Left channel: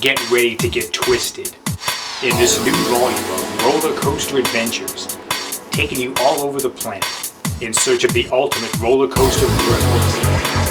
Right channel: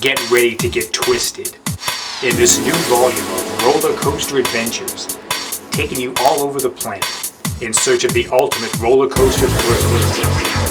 Get ready to get twisted in this new volume of Roller Coaster Adventures, taking you all over the planet in search of the ultimate roller coaster personalization.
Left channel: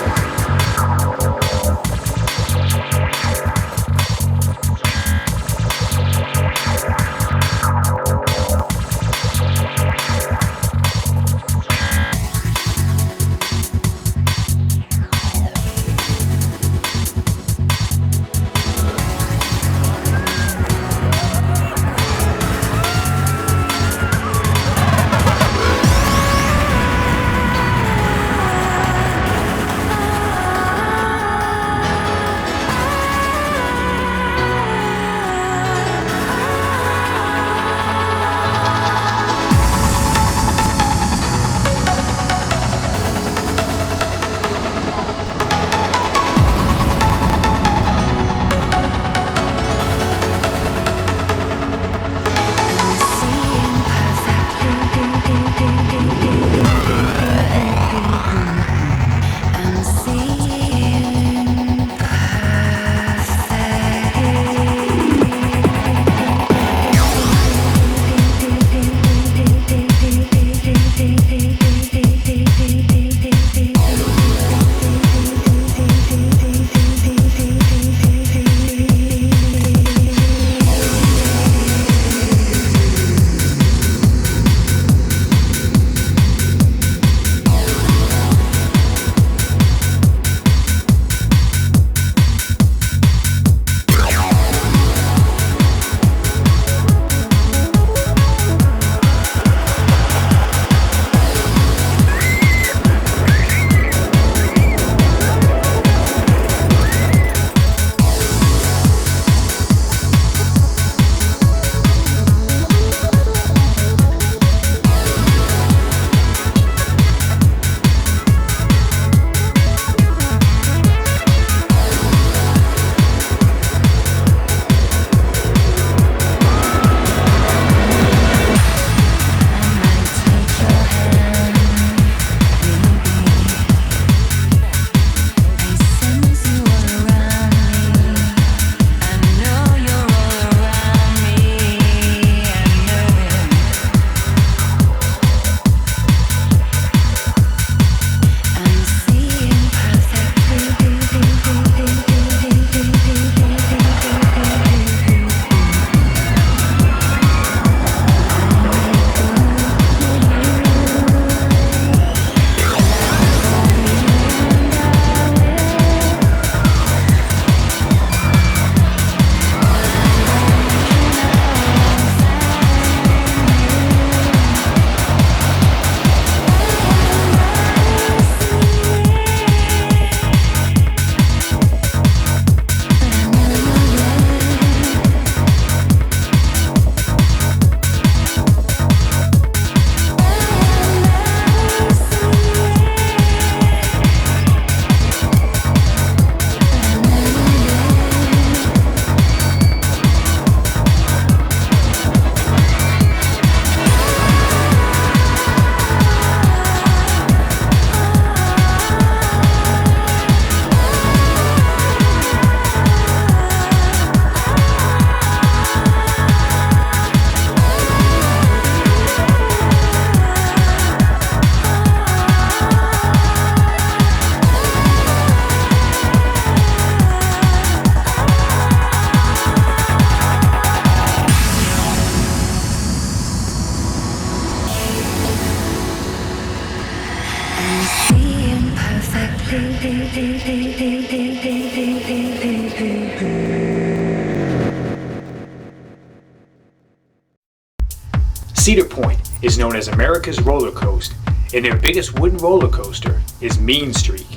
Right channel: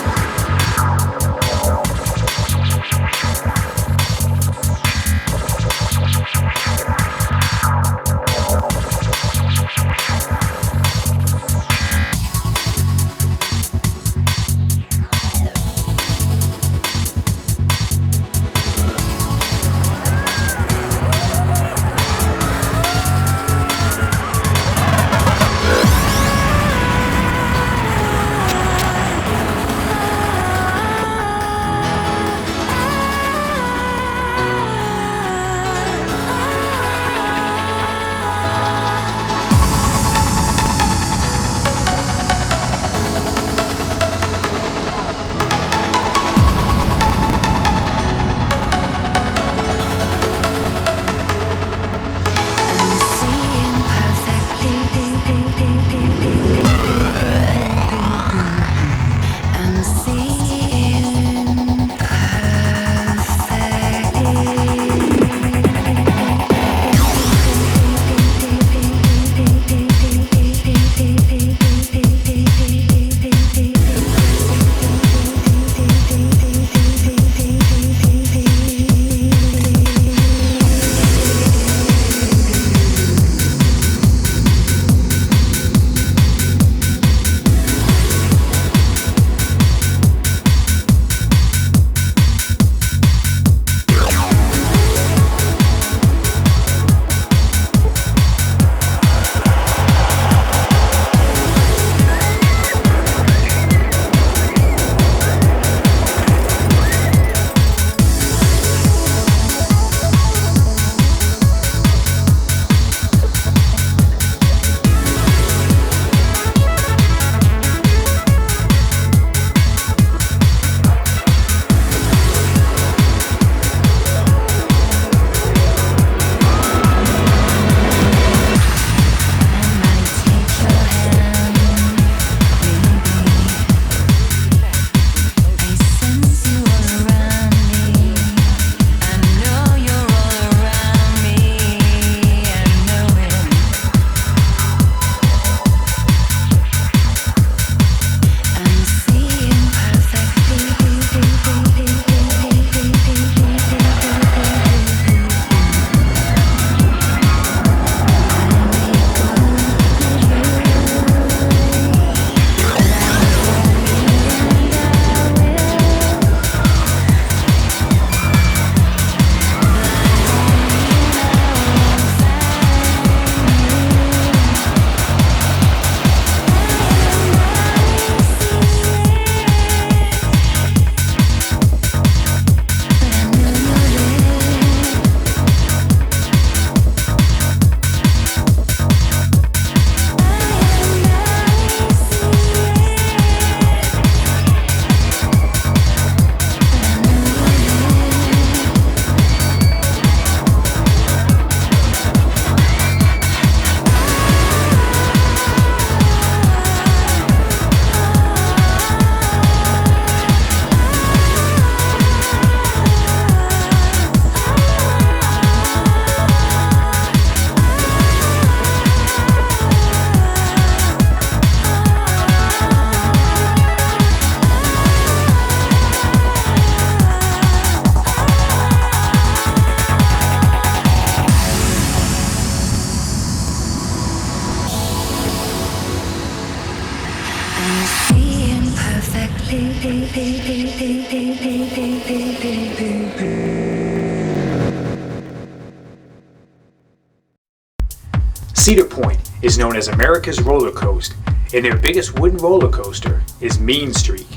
Cedar Point is known as America's Roller Coast, and their biggest wooden roller coaster is Mean Streak.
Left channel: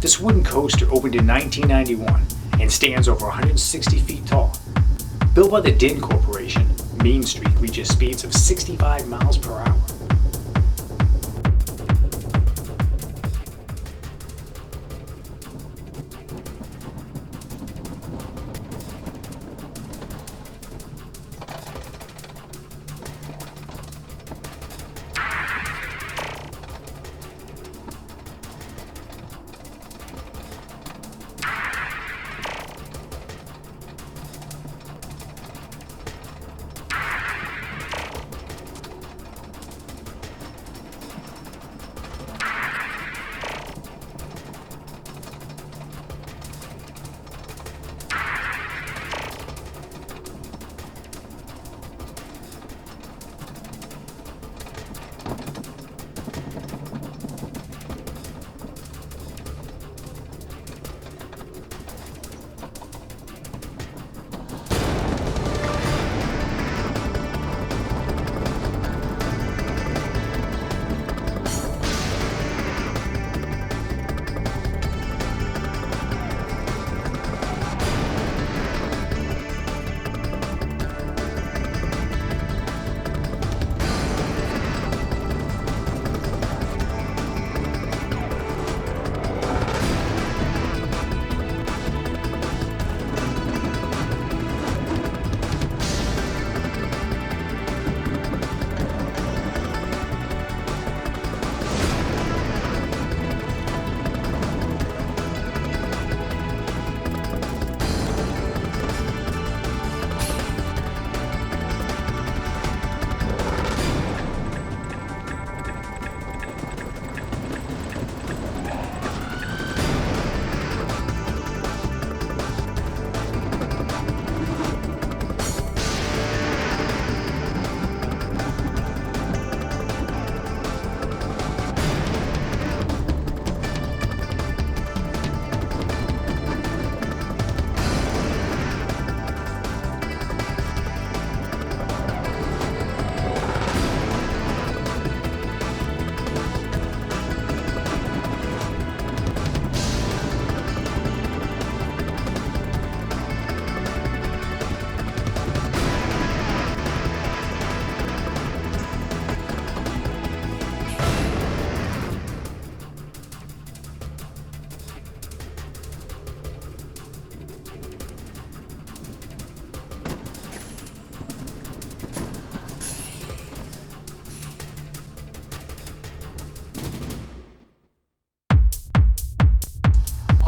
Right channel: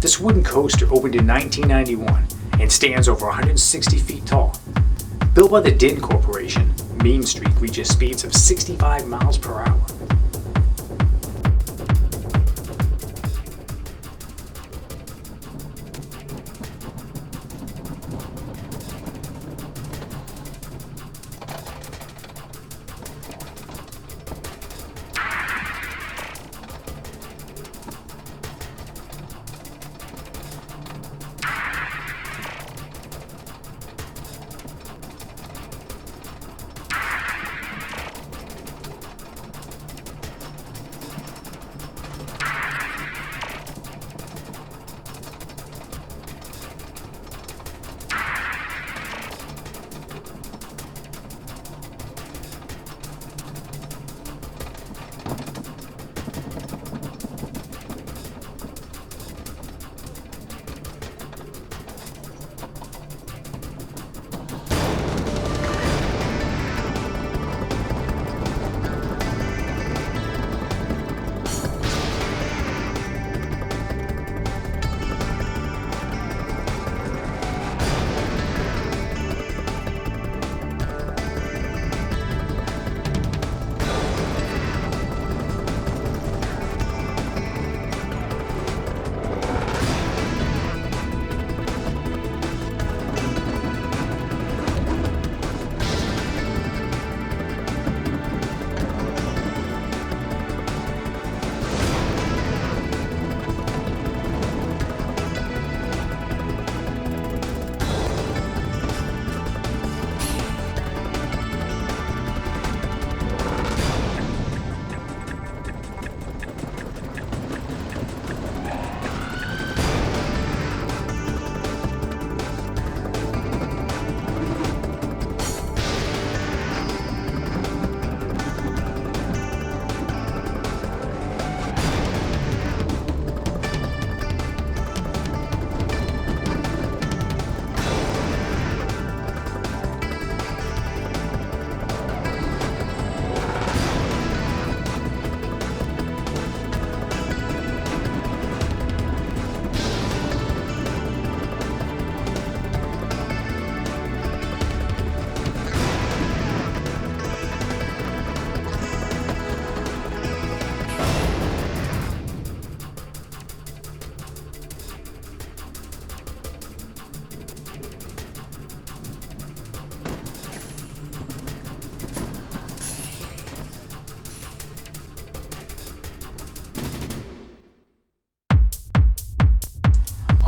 This wooden coaster opened in 1991 and stands over 160 feet tall. Built by the Din Corporation, Mean Streak reaches speeds of 65 miles per hour.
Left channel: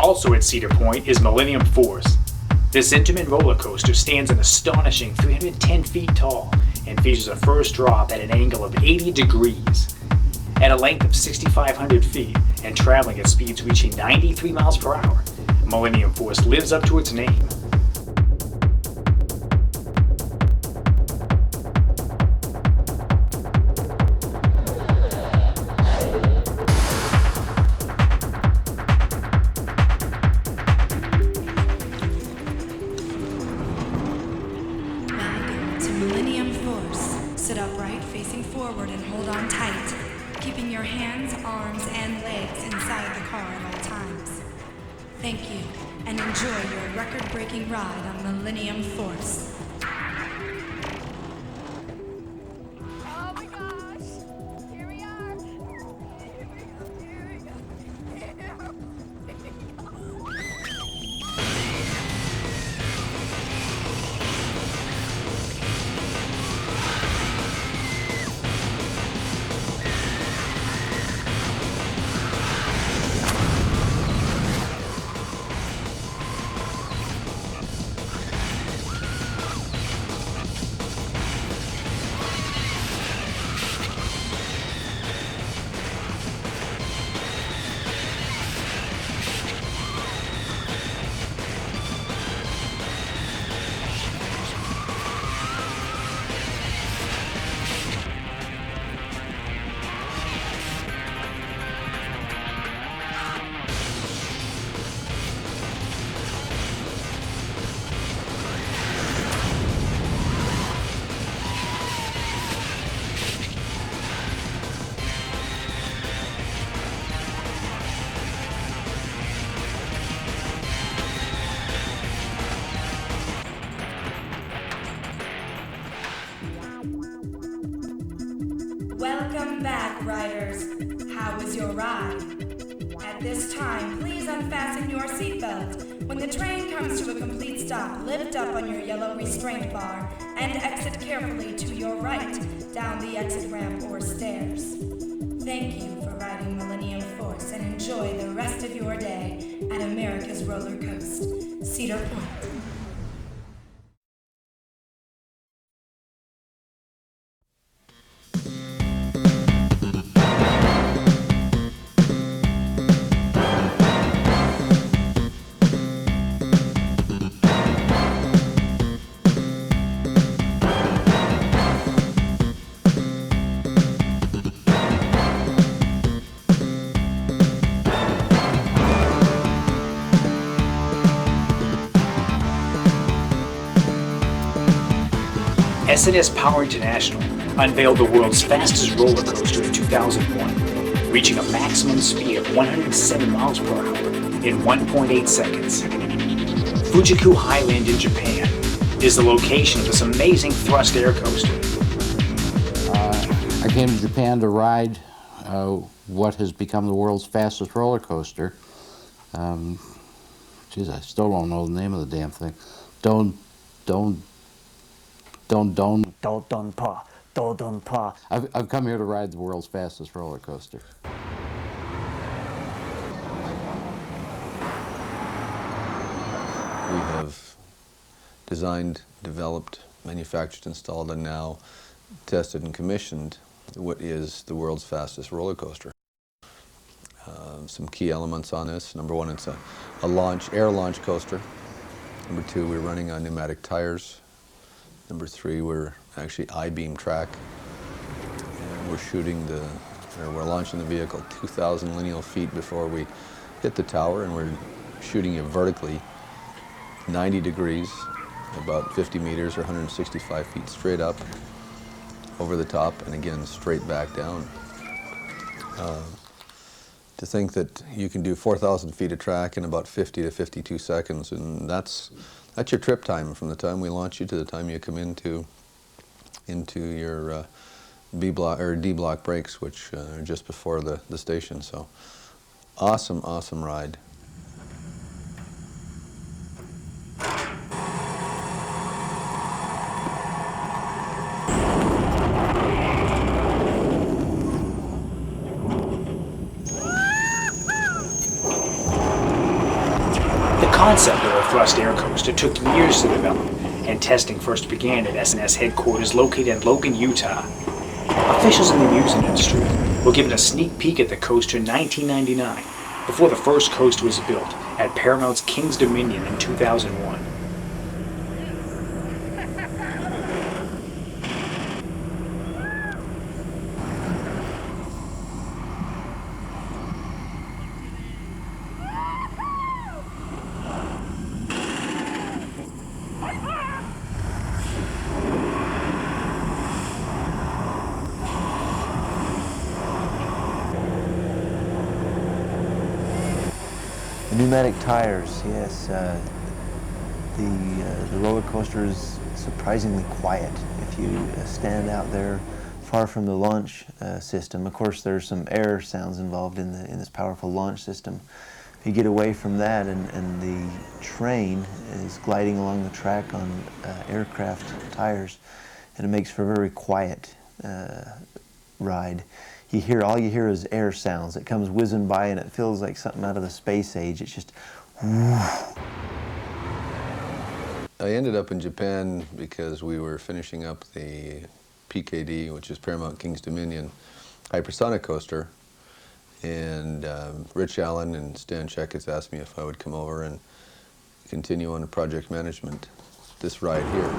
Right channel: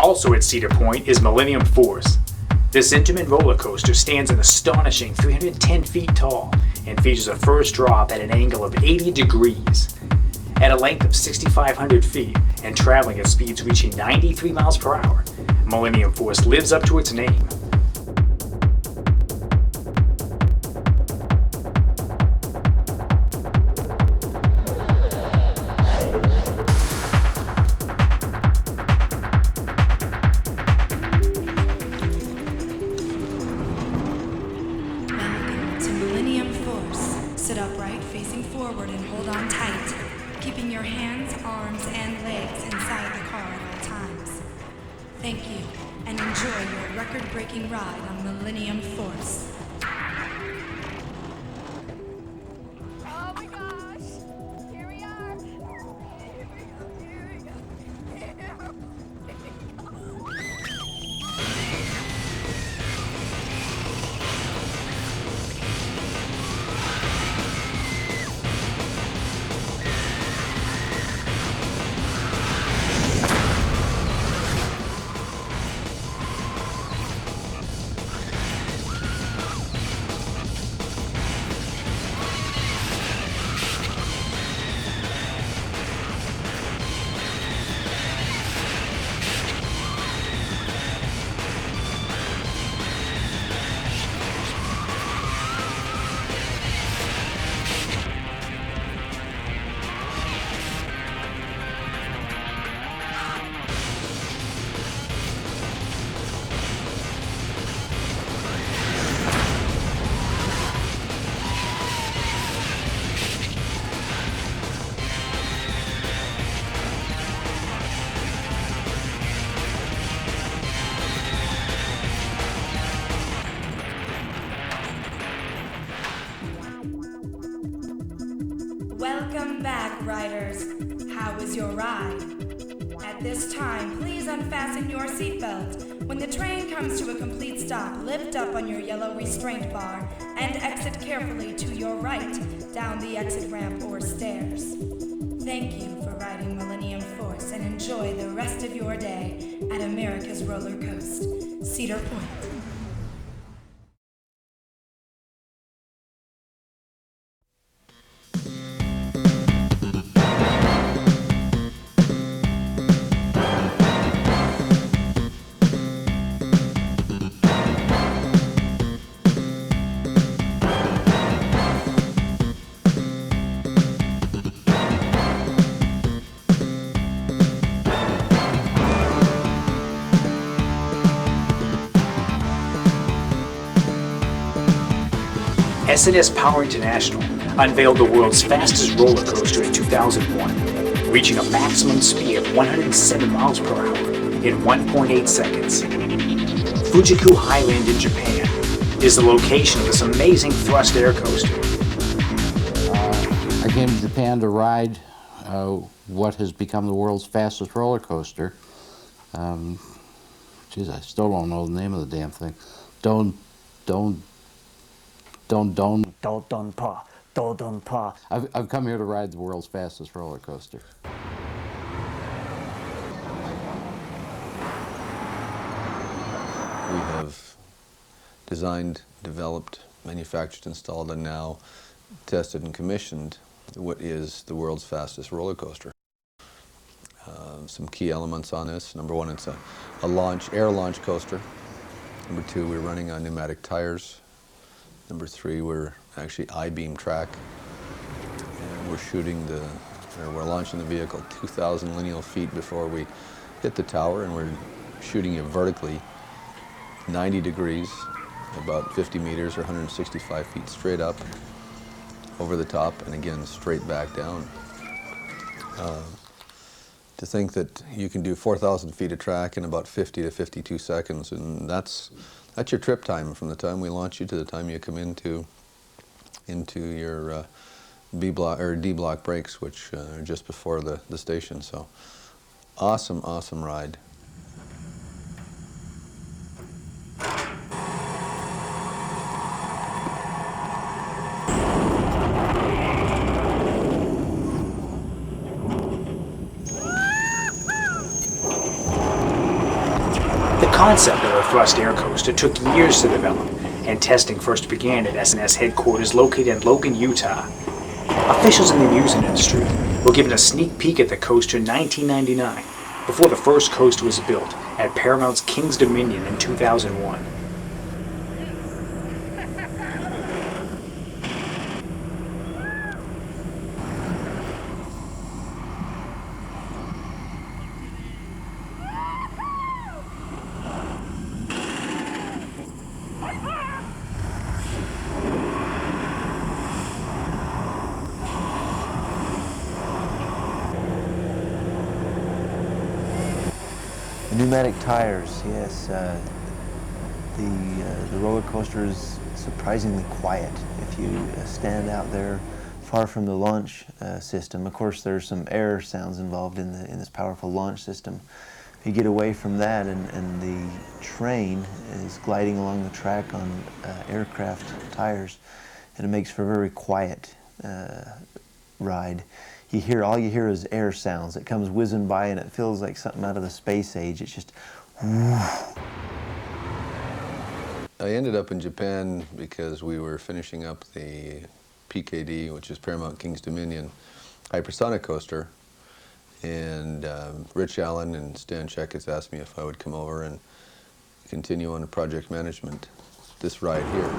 Also at Cedar Point is Millennium Force. This Intamin roller coaster stands an astonishing 310 feet tall and features a first drop at an angle of 80 degrees. At a length of 6,500 feet and traveling at speeds reaching 93 miles per hour, Millennium Force lives up to its name. Welcome to Millennium Force. Sit upright, facing forward, and hold on tight, keeping your hands, arms, and legs inside the car at all times. Thank you, and enjoy your record-breaking ride on Millennium Force. Oh my gosh! Here we Welcome back, riders. How was your ride? At this time, please unfasten your seatbelt. When the train comes to a complete stop, lift up on your yellow restraint bar and exit carefully to your right down the exit ramp or stairs. Thank you for riding Millennium Force and enjoy the rest of your day at America's Roller Coast, Cedar Point. S&S Power International unveiled the world's fastest roller coaster in 2001, reaching a maximum speed of 107 miles per hour in 1.8 seconds. Fujiku Highland in Japan is the location of this amazing thrust air coaster. I came to Japan to ride what has become the world's fastest roller coaster. Geez, I still don't know the name of the damn thing. Dodonpa. I've come here to ride the world's fastest roller coaster. We have designed, developed, manufactured, installed, and now tested and commissioned what is the world's fastest roller coaster. Some key elements on this. Number one, it's a air launch coaster. Number two, we're running on pneumatic tires. Number three, we're actually I-beam track. And we're launching the vehicle 2,000 lineal feet before we hit the tower, and we're shooting it vertically 90 degrees, about 50 meters or 165 feet straight up over the top, and again straight back down. To think that you can do 4,000 feet of track in about 50 to 52 seconds, and that's your trip time from the time we launch you to the time you come into your B block or D block brakes, which are just before the station. So awesome ride. concept of a thrust air coaster took years to develop, and testing first began at S&S headquarters located in Logan, Utah. Officials in the amusement industry were given a sneak peek at the coaster in 1999, before the first coaster was built at Paramount's King's Dominion in 2001. The pneumatic tires, yes. The roller coaster is surprisingly quiet. If you stand out there far from the launch system, of course there's some air sounds involved in this powerful launch system. If you get away from that and the train is gliding along the track on aircraft tires, and it makes for a very quiet ride. All you hear is air sounds. It comes whizzing by and it feels like something out of the space age. It's just I ended up in Japan because we were finishing up the PKD, which is Paramount King's Dominion hypersonic coaster, and Rich Allen and Stan Checketts asked me if I would come over and continue on the project management this ride here.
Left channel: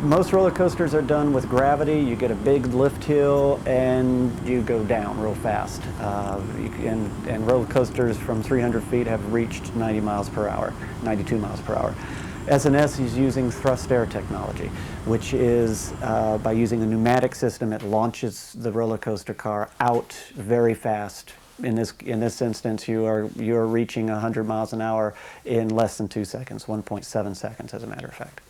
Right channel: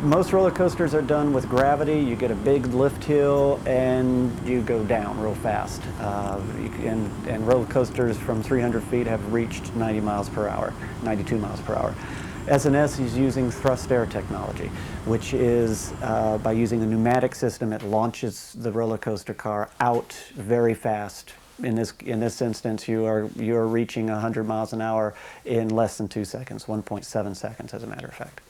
Most roller coasters are done with gravity. You get a big lift hill and you go down real fast. And roller coasters from 300 feet have reached 90 miles per hour, 92 miles per hour. S&S is using thrust air technology, which is by using a pneumatic system, it launches the roller coaster car out very fast. In this instance, you are reaching 100 miles an hour in less than 2 seconds, 1.7 seconds as a matter of fact.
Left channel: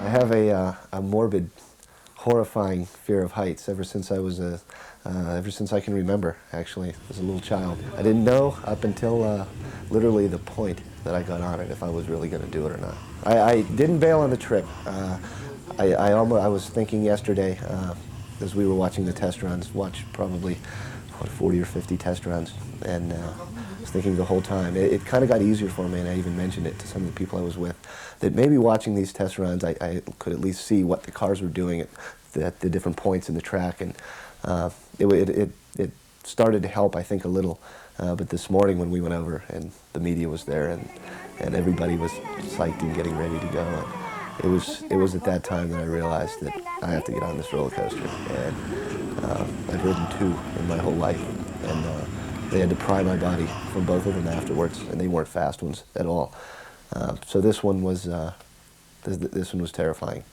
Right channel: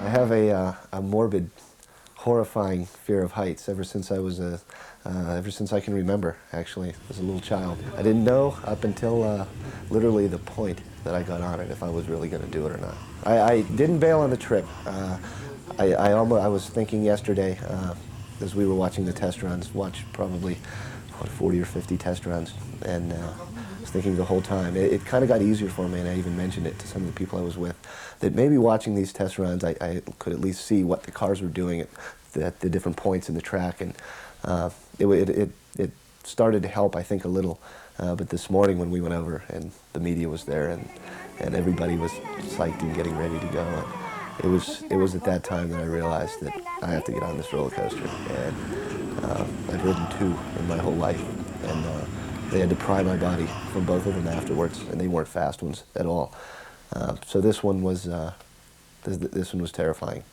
I have a morbid, horrifying fear of heights ever since I can remember, actually, as a little child. I didn't know up until literally the point that I got on it if I was really going to do it or not. I didn't bail on the trip. I was thinking yesterday, as we were watching the test runs, watched probably 40 or 50 test runs, and I was thinking the whole time. It kind of got easier for me, and I even mentioned it to some of the people I was with, that maybe watching these test runs, I could at least see what the cars were doing at the different points in the track, and it started to help, I think, a little. But this morning when we went over and the media was there and everybody was psyched and getting ready to go, it was at that time that I realized that I have to get on this roller coaster. And I've ridden 2 in my whole life, and they had to pry my body from both of them afterwards, and they weren't fast ones at all. So this one was terrifying.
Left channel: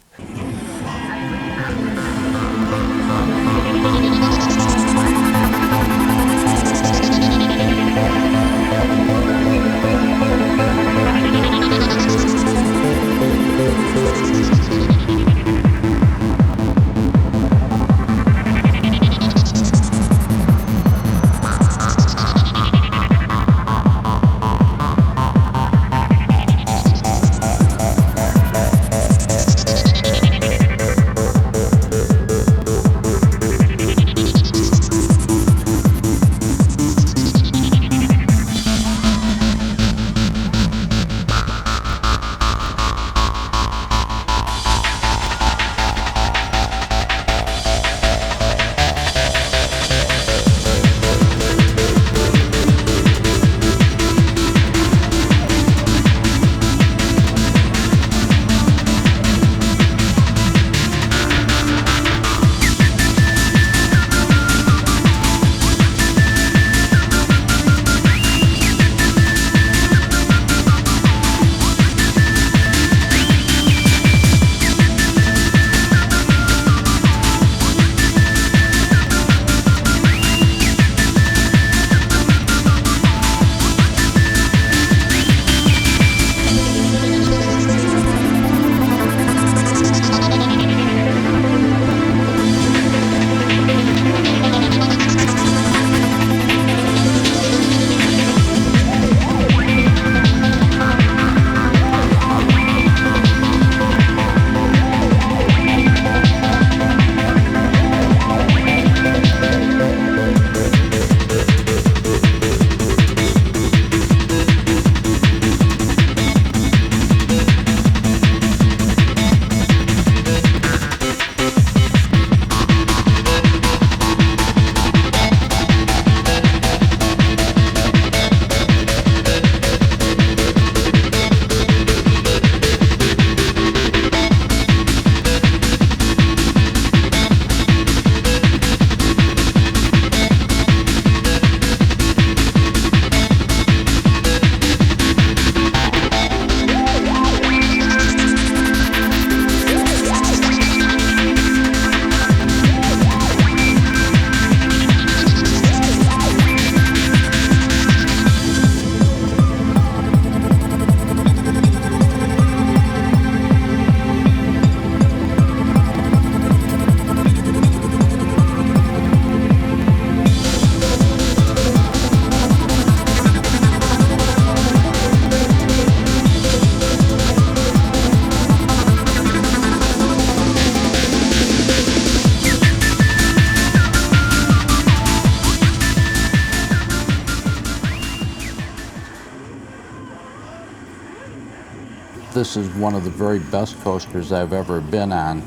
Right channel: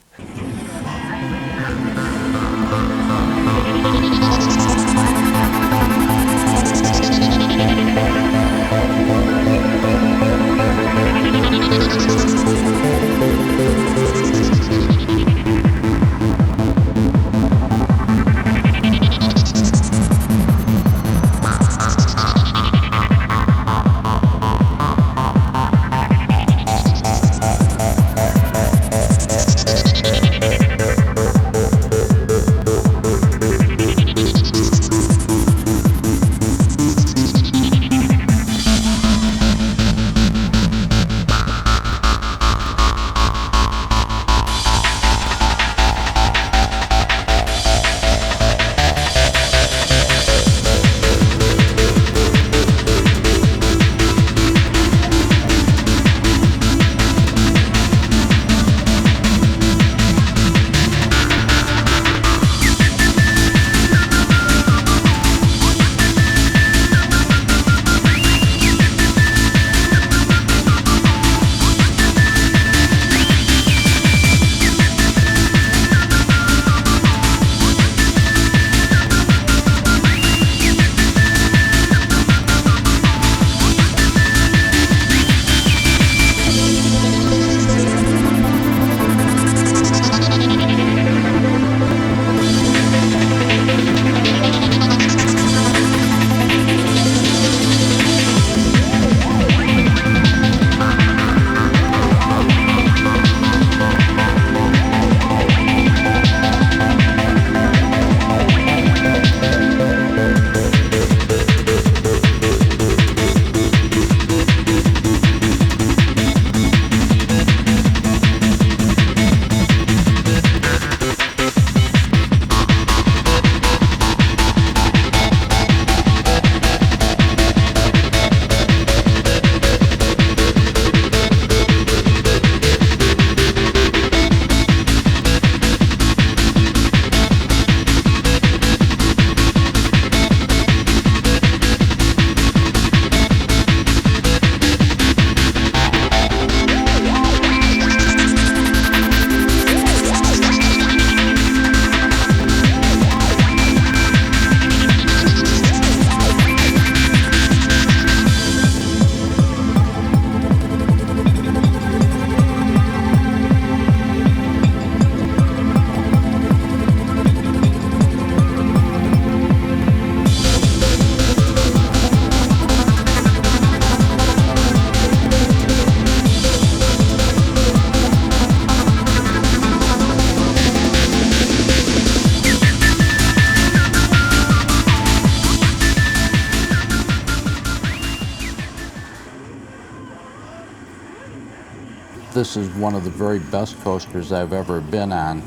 this is one of the very best coasters I've ever been on.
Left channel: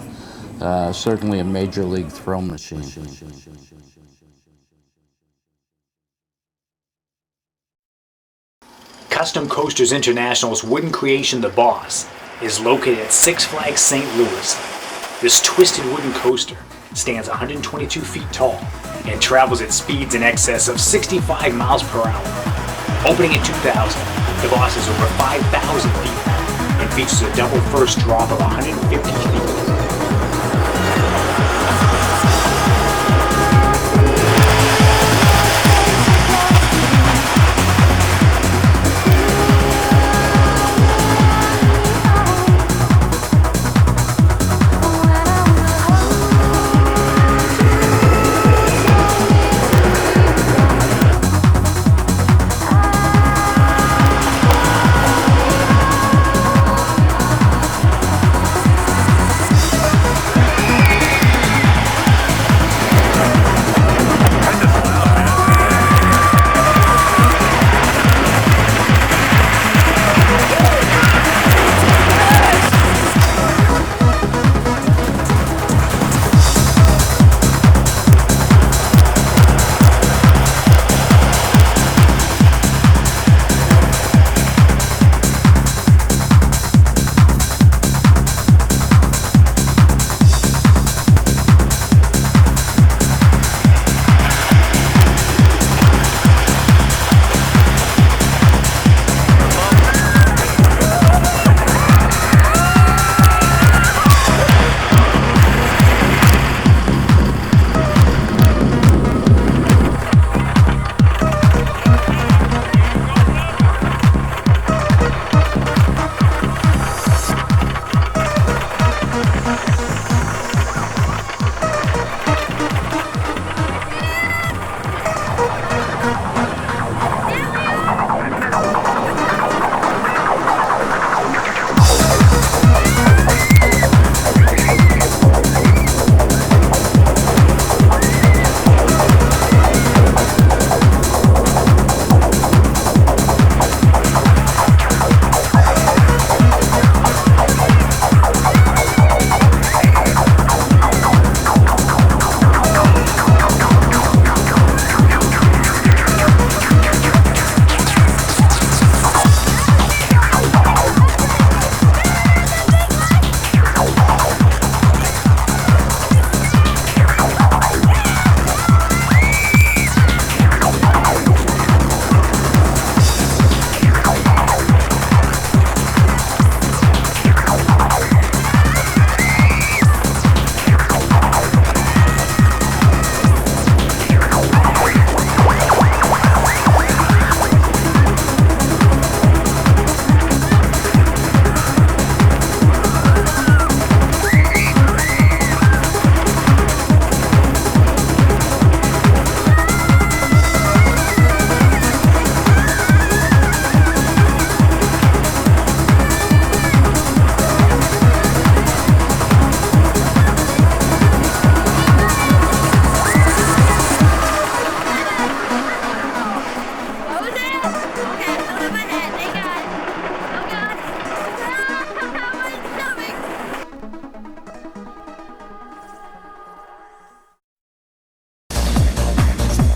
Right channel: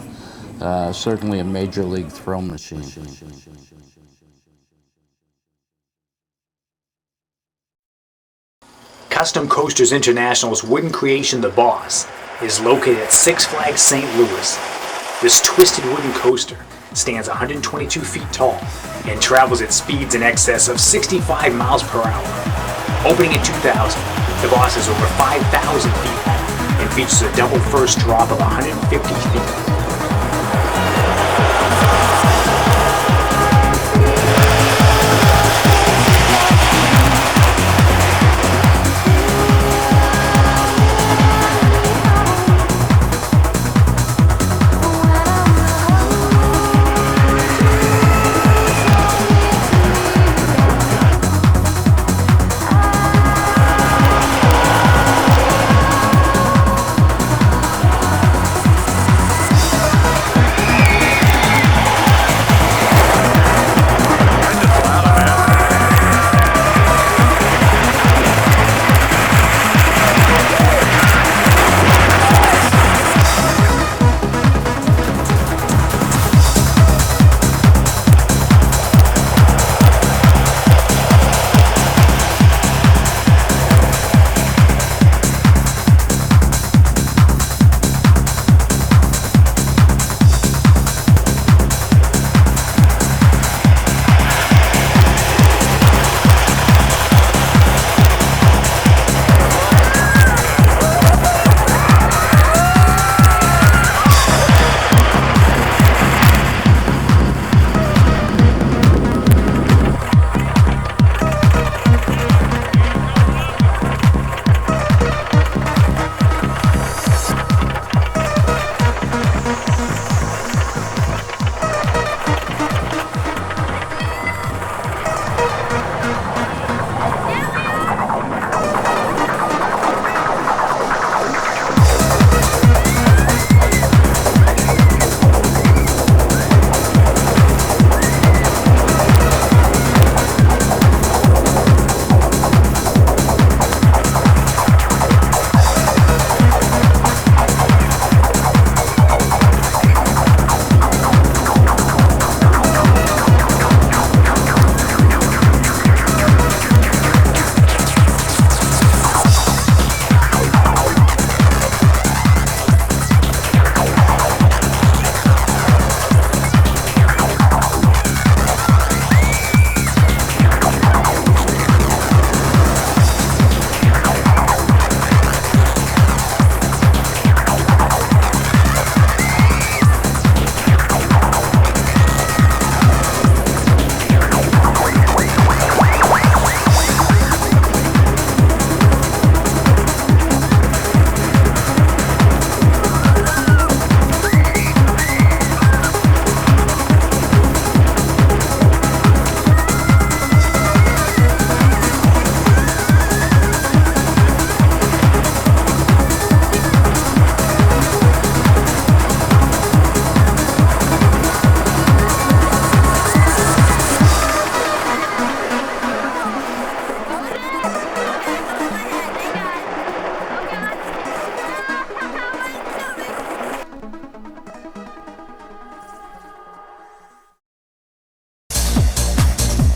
Certainly a major league thrill machine. Custom Coasters International's wooden creation, the Boss, is located at Six Flags St. Louis. This twisted wooden coaster stands 122 feet tall and travels at speeds in excess of 65 miles per hour. Opening in 2000, the Boss is over 5,000 feet long and features a double first drop of 150 feet.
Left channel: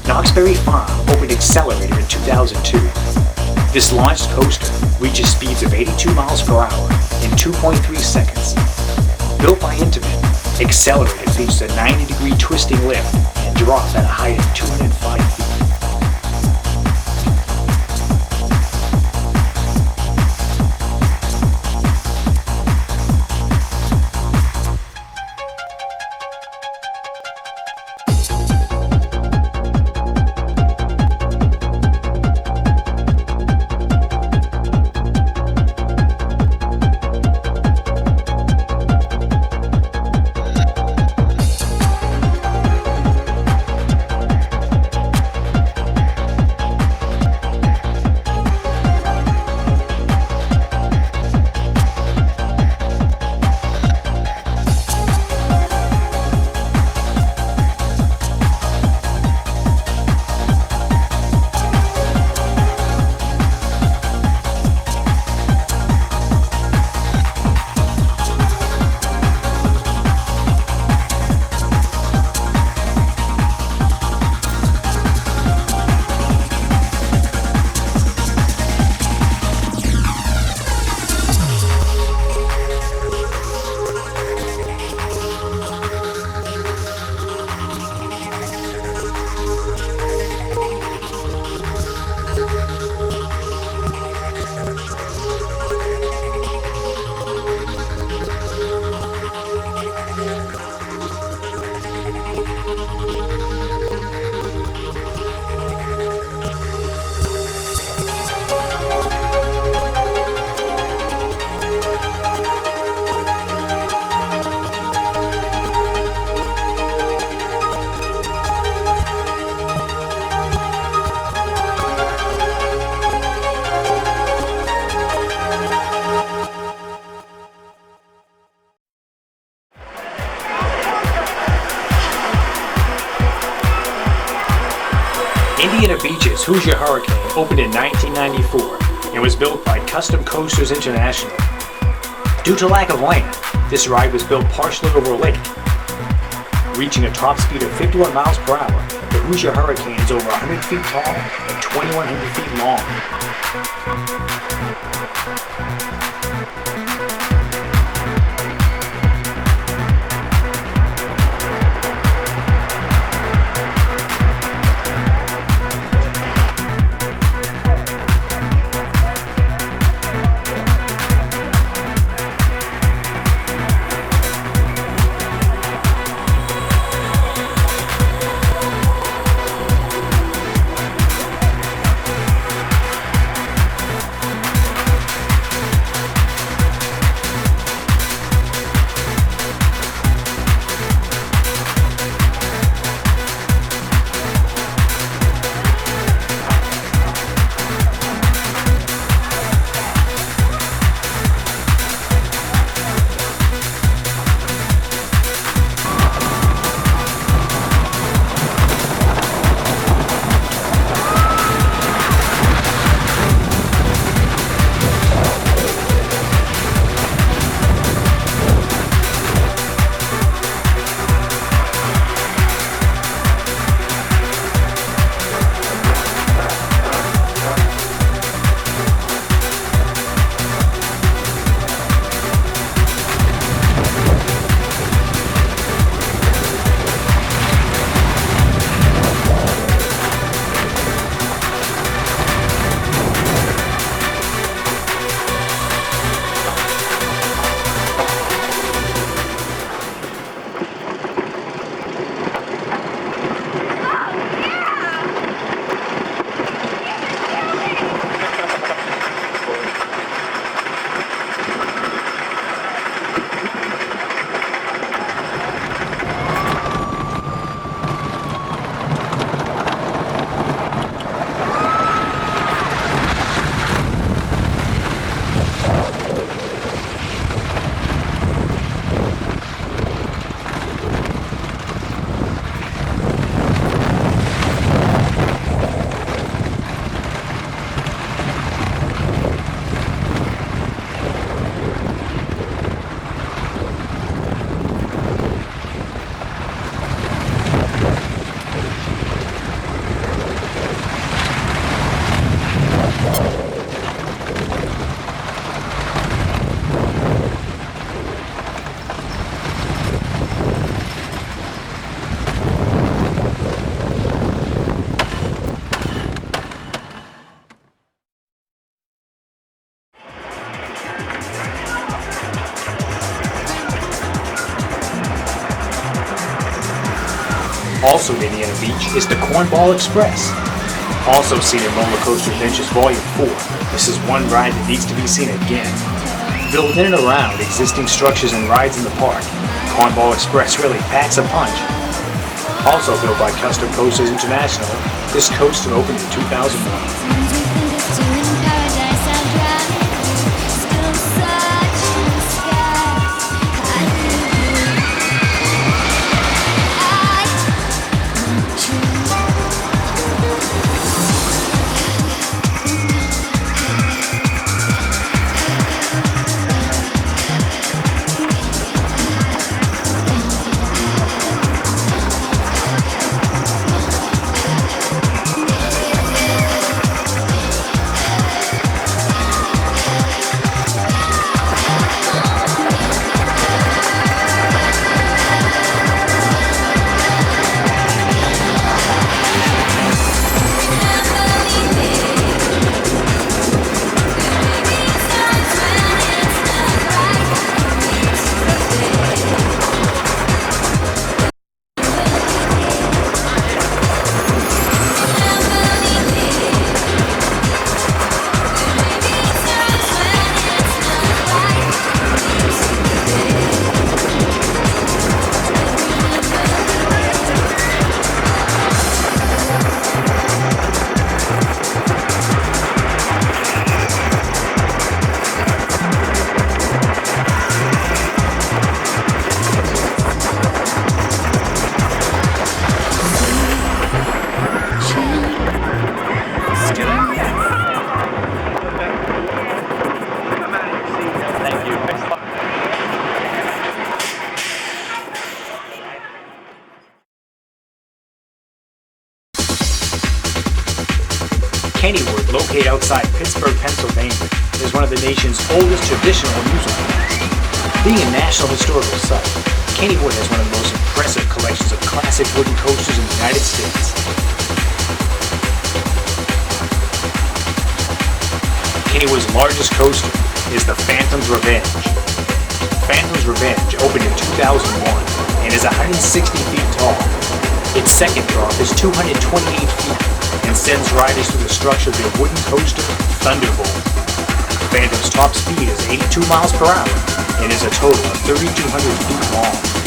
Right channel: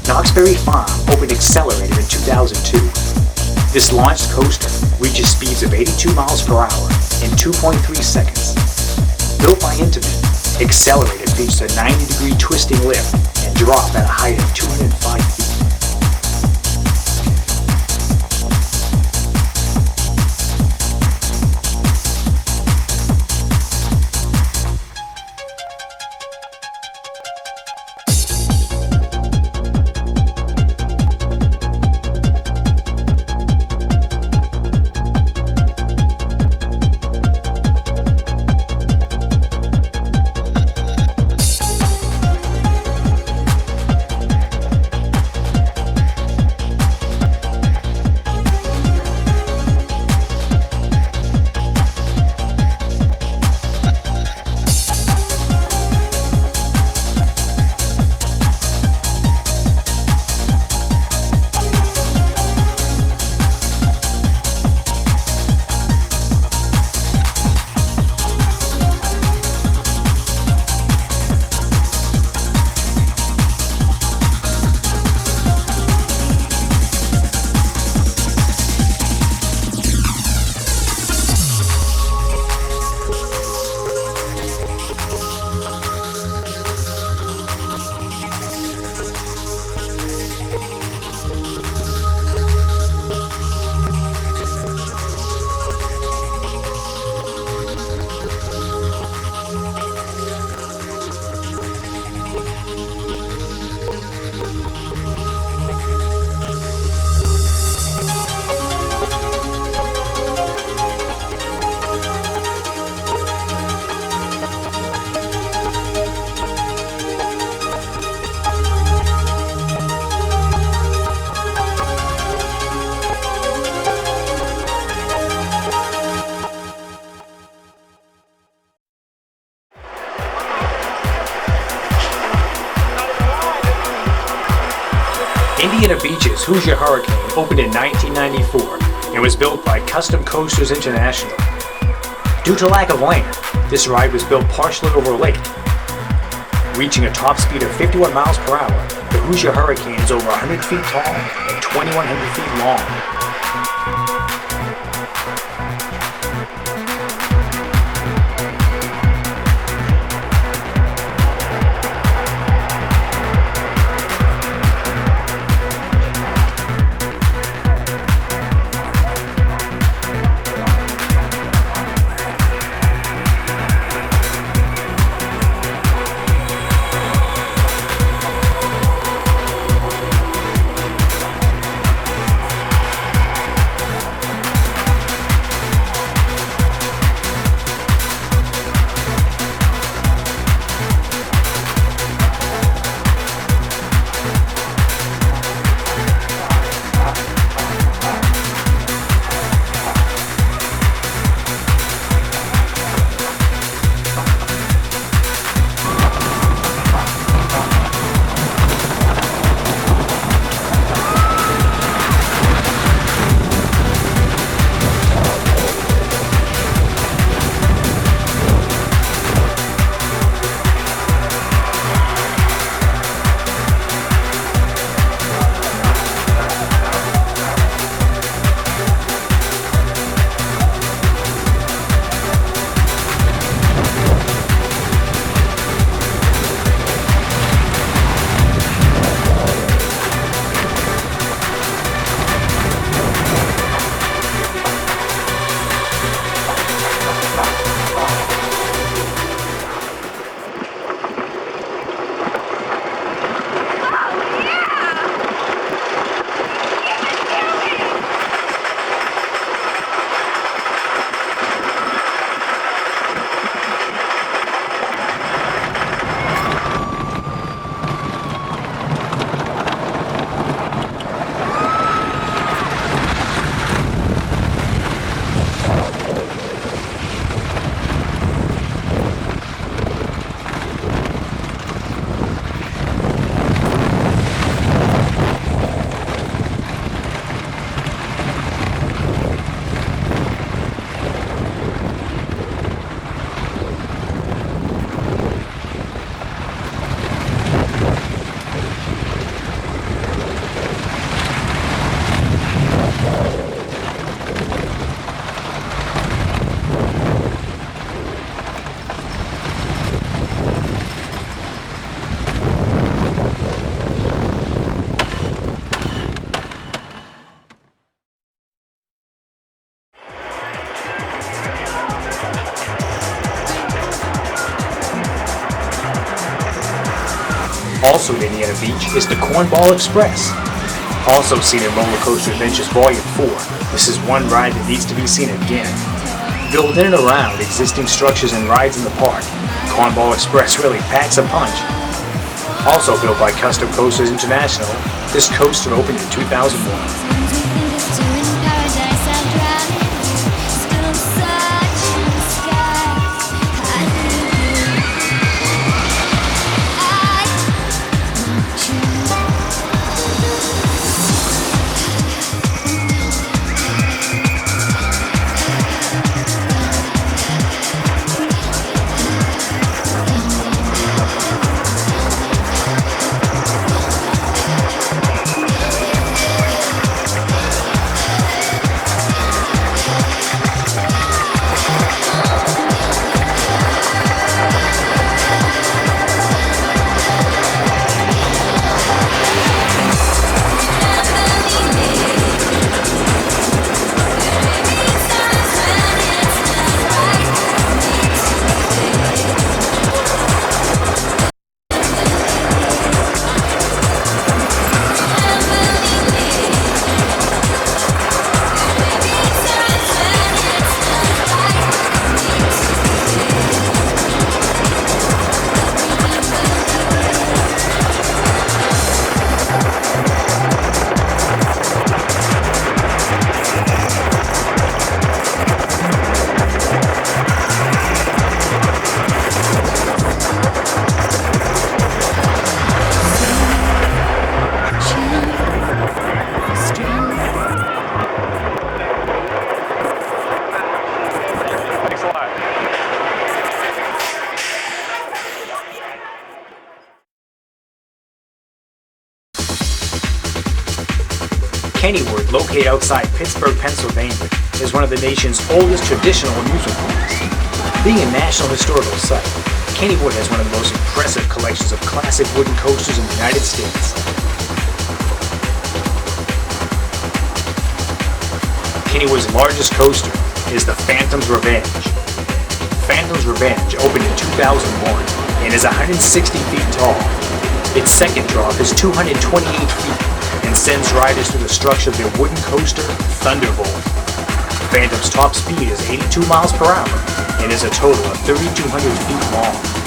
Knoxbury Farm opened Accelerator in 2002. This launched coaster reaches speeds of 82 miles per hour in 2.3 seconds. Built by Intamin, Accelerator features a 90-degree twisting lift and drop at a height of 205 feet. Indiana Beach's Hoosier Hurricane opened in 1994 and was built by Custom Coasters International. Due to lack of land, this ride was built partially over a lake. Reaching a top speed of 51 miles per hour, the Hoosier Hurricane is over 100 feet tall and 2,100 feet long. Also at Indiana Beach is the Cornball Express. Also seen in Roller Coaster Adventures Volume 4, this is one ride that needs to be seen again. Built in and around existing structures and rides in the park, Cornball Express really packs a punch. Also built by Custom Coasters International, this coaster opened in 2001. Kennywood, located outside Pittsburgh, Pennsylvania, is one of the nation's oldest traditional amusement parks. Being a National Historical Site, Kennywood has one of the most impressive collections of classic wooden coasters in the United States. Kennywood's largest coaster is the Phantom's Revenge. Phantom's Revenge opened in 2001 and is 160 feet tall. Its second drop is 228 feet and sends riders through the structure of their wooden coaster, Thunderbolt. Phantom's top speed is 82 miles per hour and is a total of 3,200 feet long.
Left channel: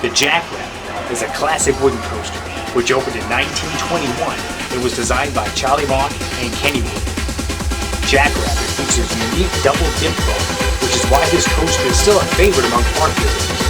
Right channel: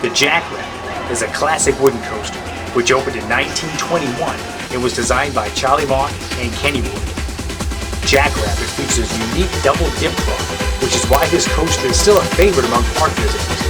The Jackrabbit is a classic wooden coaster which opened in 1921 and was designed by Charlie Mock and Kennywood. Jackrabbit features a unique double dip drop, which is why this coaster is still a favorite among park visitors.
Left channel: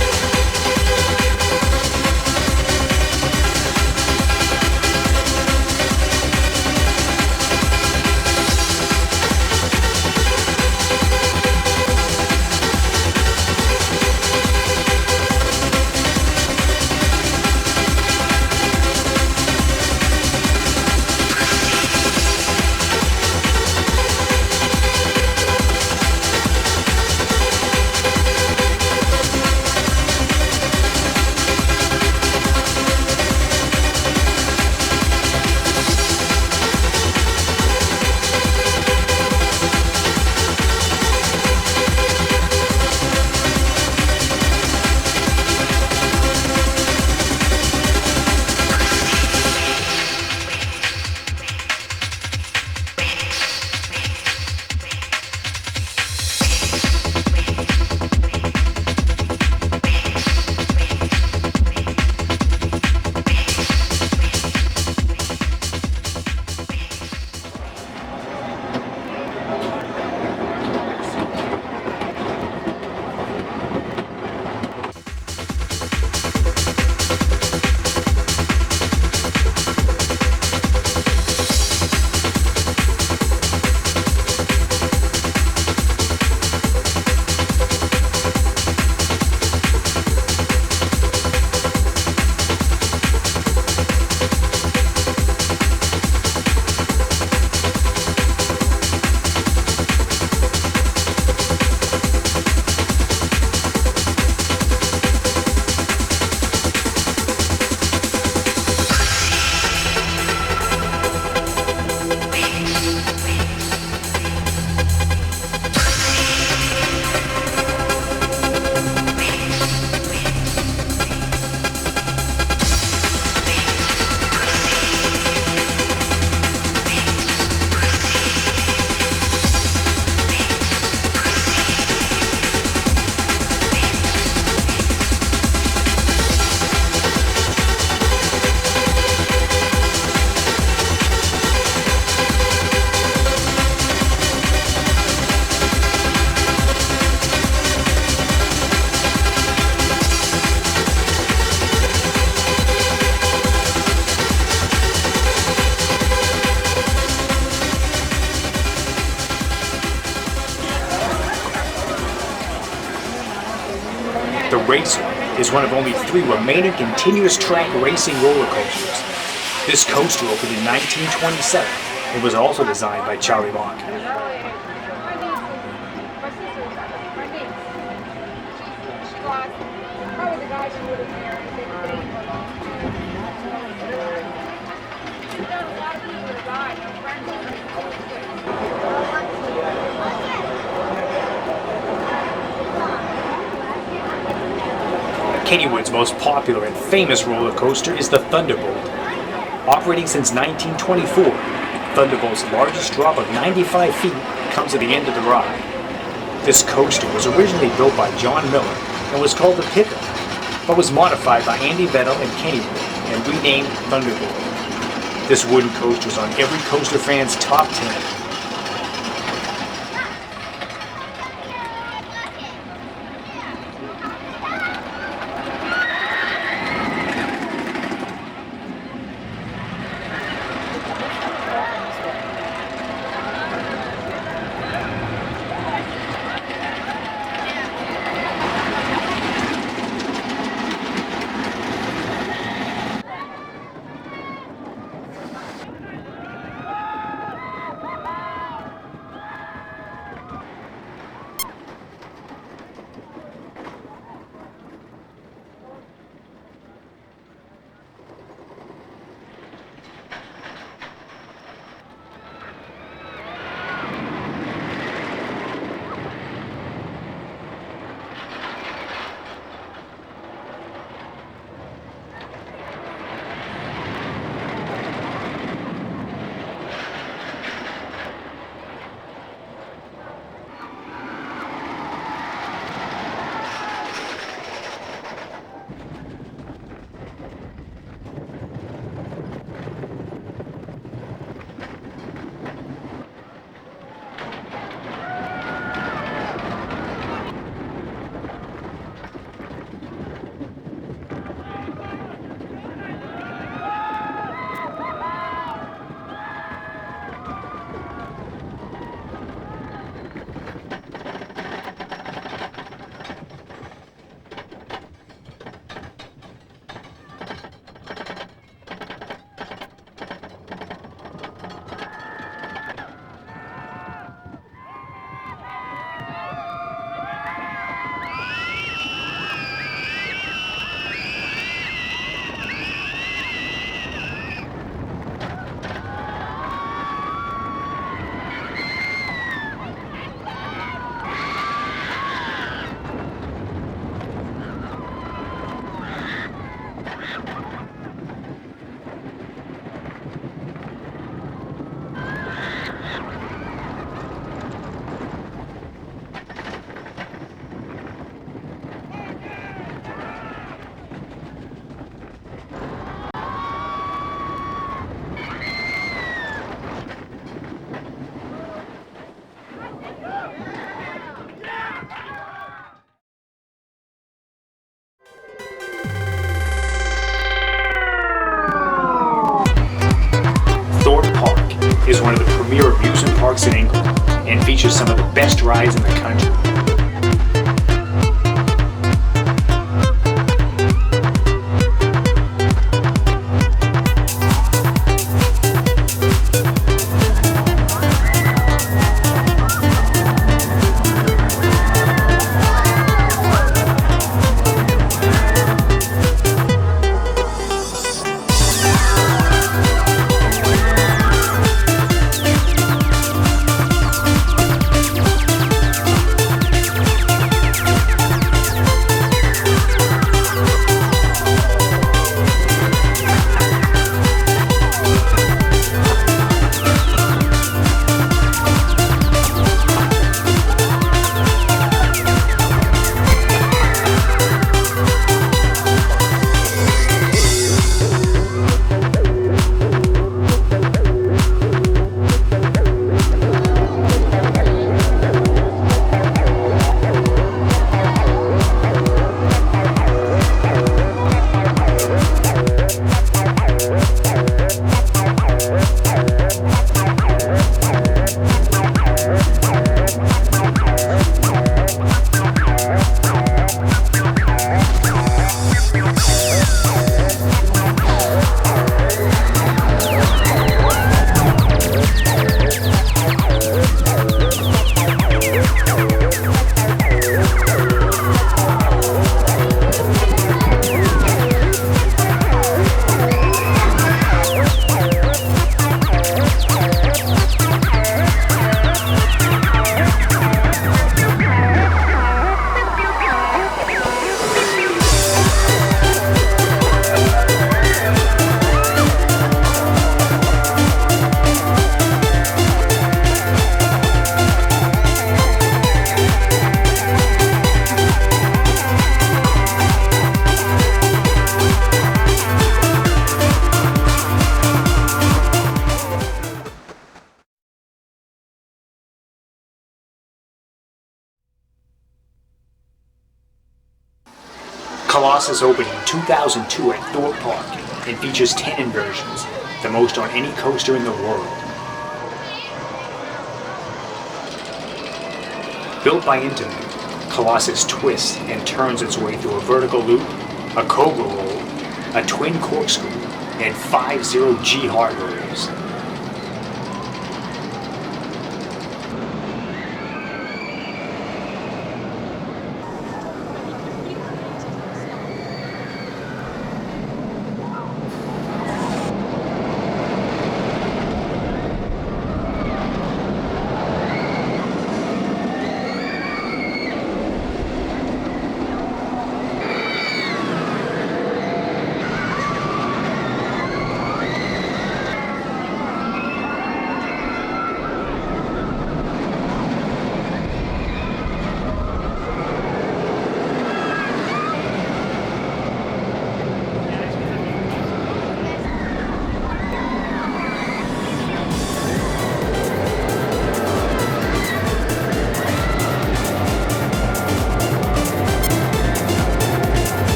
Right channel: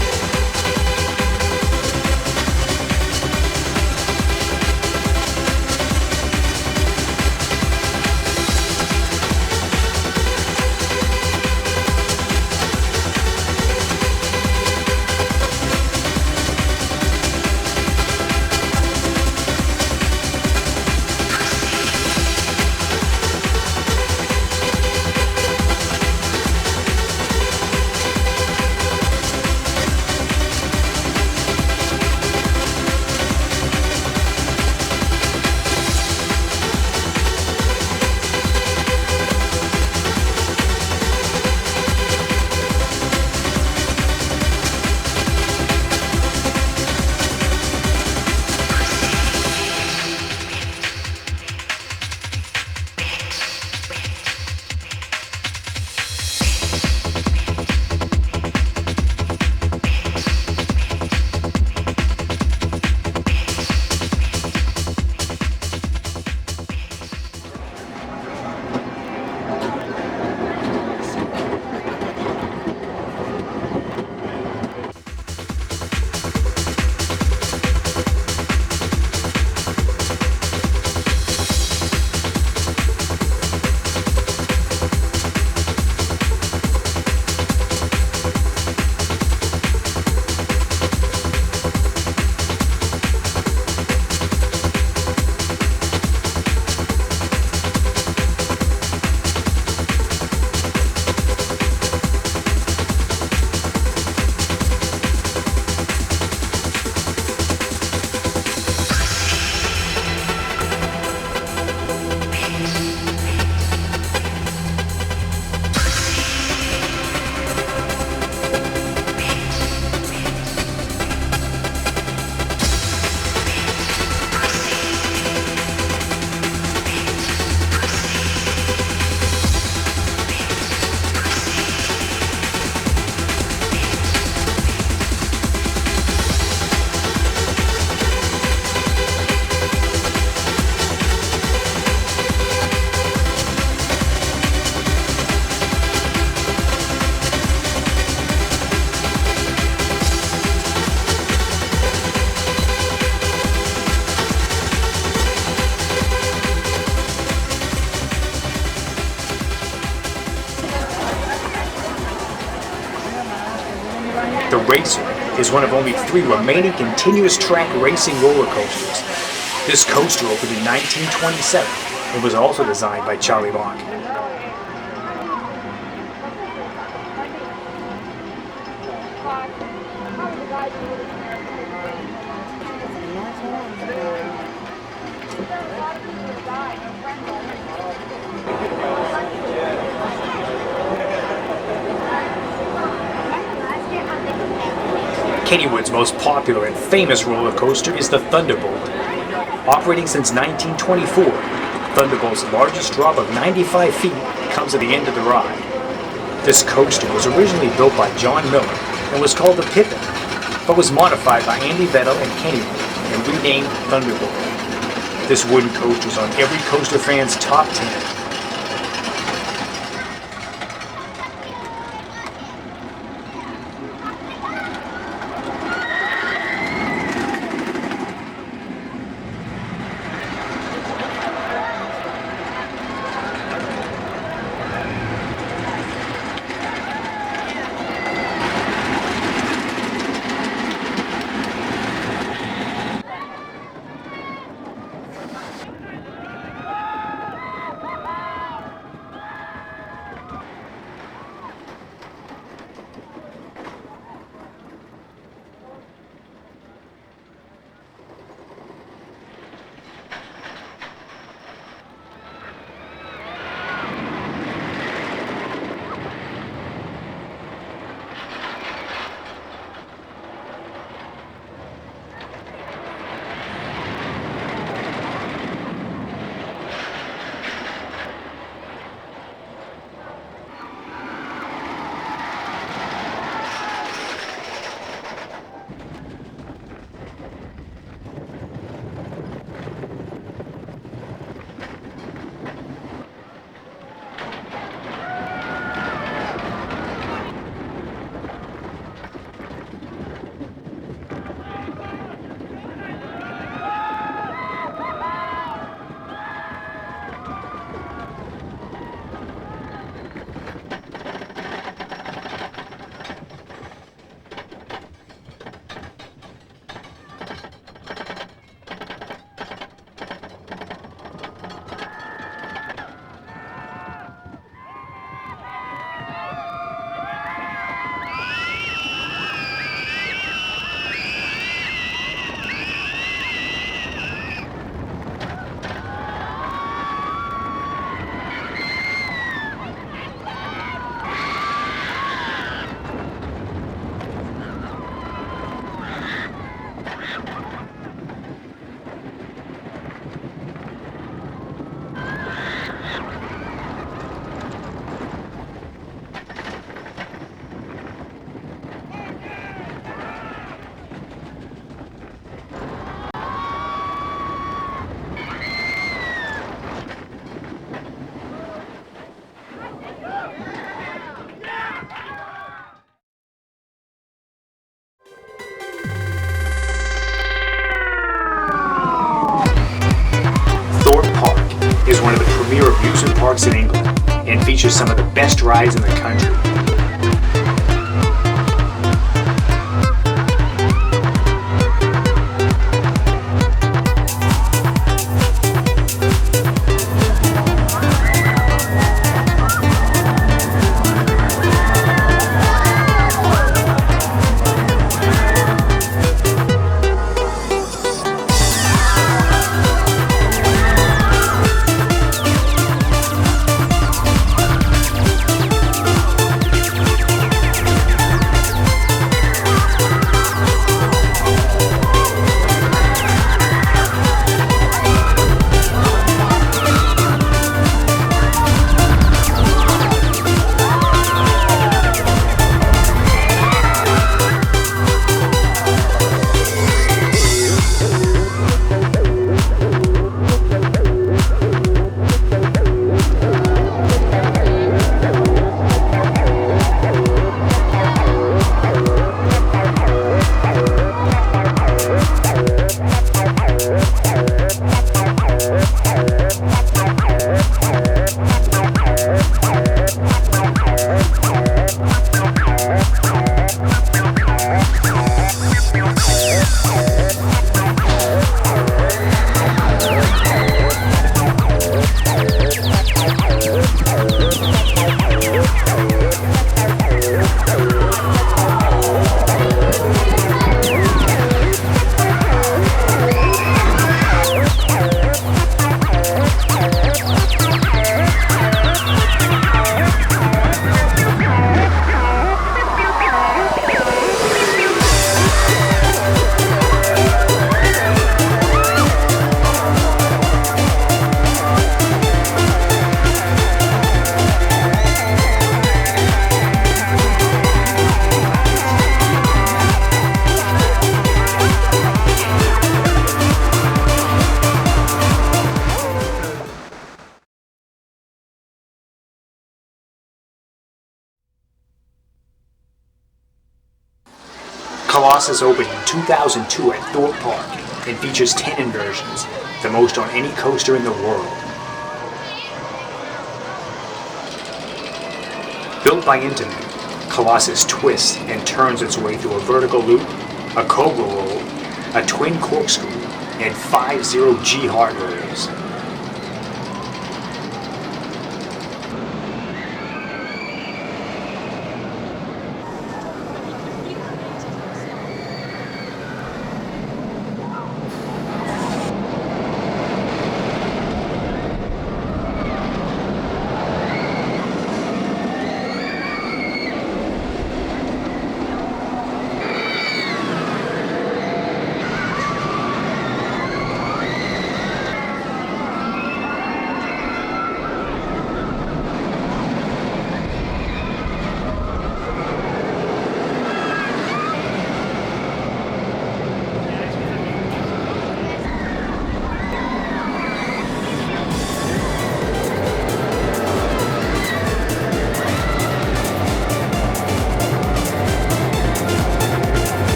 The Racer is one of only 3 remaining continuous track racing roller coasters. This coaster opened in 1927 and was also designed by Charlie Mock. Kennywood's most popular and famous roller coaster is the Thunderbolt. Operating since 1924, Thunderbolt's largest drop of 95 feet comes at the end of the ride. This coaster was originally built by John Miller and was called the Pippin, but was modified by Andy Vettel and Kennywood and renamed Thunderbolt. This wooden coaster is on every coaster fan's top 10. Is one of the premier amusement parks in England and features some of the best rides in the country. Colossus opened in 2002 at Thorpe Park and features 10 inversions, the most on any coaster in the world. Built by Intamin, Colossus twists and turns its way through a vertical loop, a cobra roll, a twin corkscrew, and 5 0G hard rolls.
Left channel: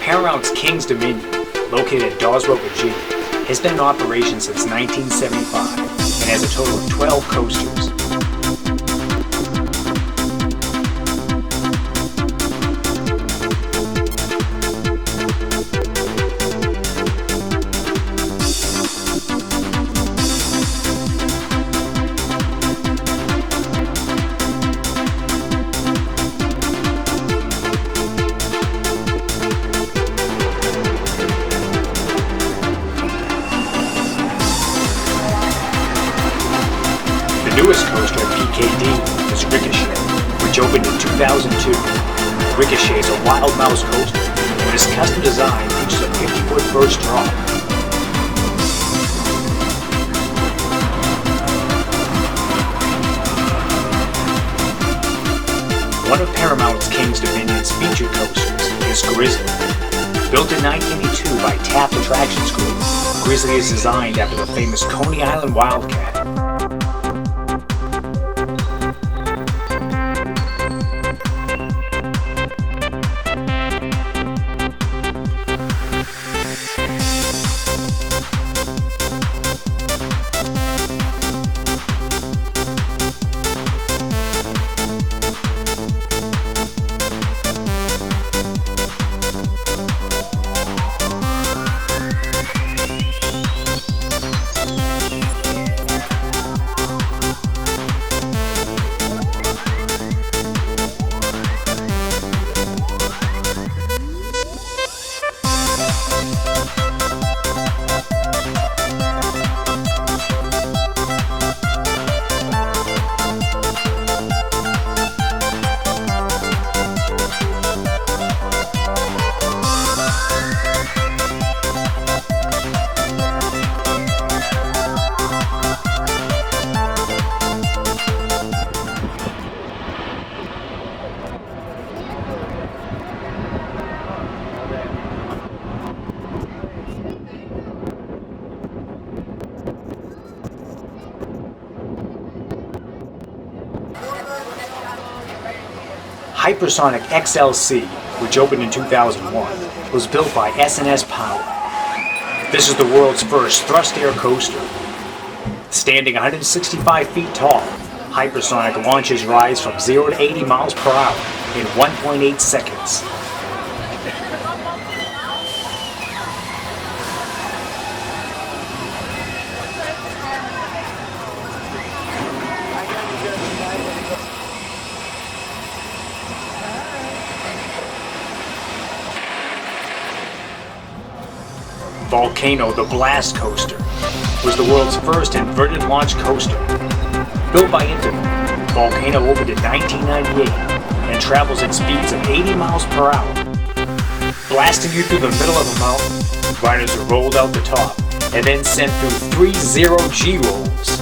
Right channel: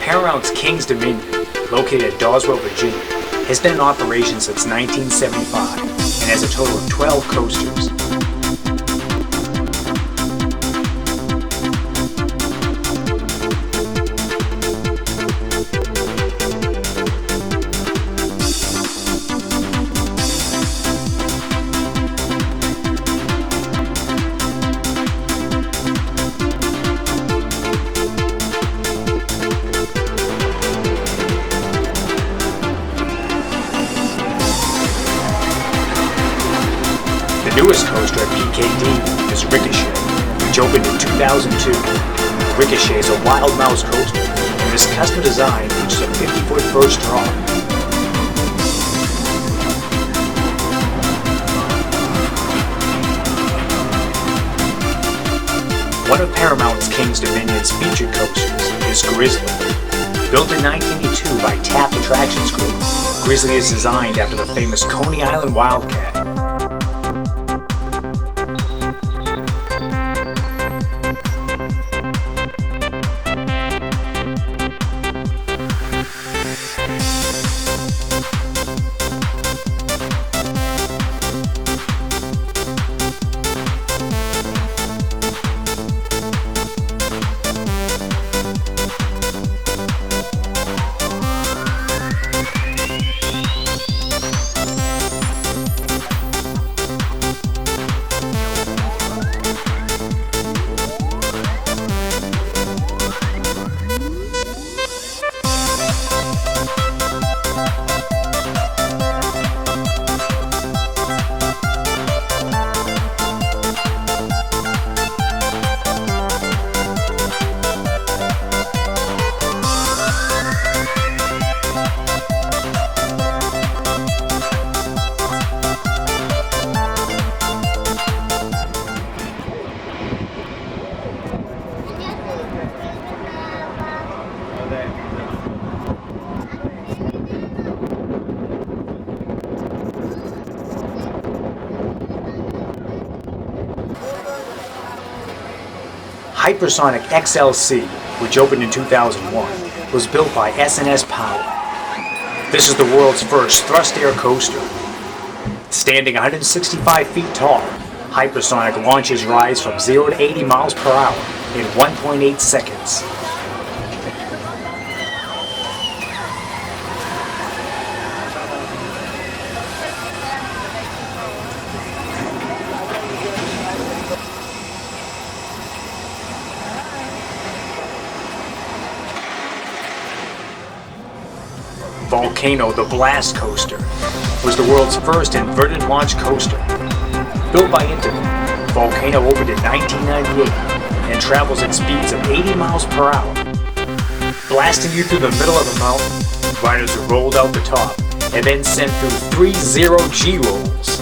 Paramount's King's Dominion, located at Daweswell, Virginia, has been in operation since 1975 and has a total of 12 coasters. The newest coaster at PKD is Ricochet, which opened in 2002. Ricochet is a wild mouse coaster, and this custom design features a 50-foot first drop. One of Paramount's King's Dominion's featured coasters is Grizzly. Built in 1982 by Taft Attractions Group, Grizzly is designed after the famous Coney Island Wildcat. Hypersonic XLC, which opened in 2001, was built by S&S Power. This is the world's first thrust air coaster. Standing 165 feet tall, Hypersonic launches rides from 0 to 80 miles per hour in 1.8 seconds. Volcano, the Blast Coaster, was the world's first inverted launch coaster. Built by Intamin, Volcano opened in 1998 and travels at speeds of 80 miles per hour. Blasting you through the middle of a mountain, riders are rolled out the top and then sent through 3 0G rolls.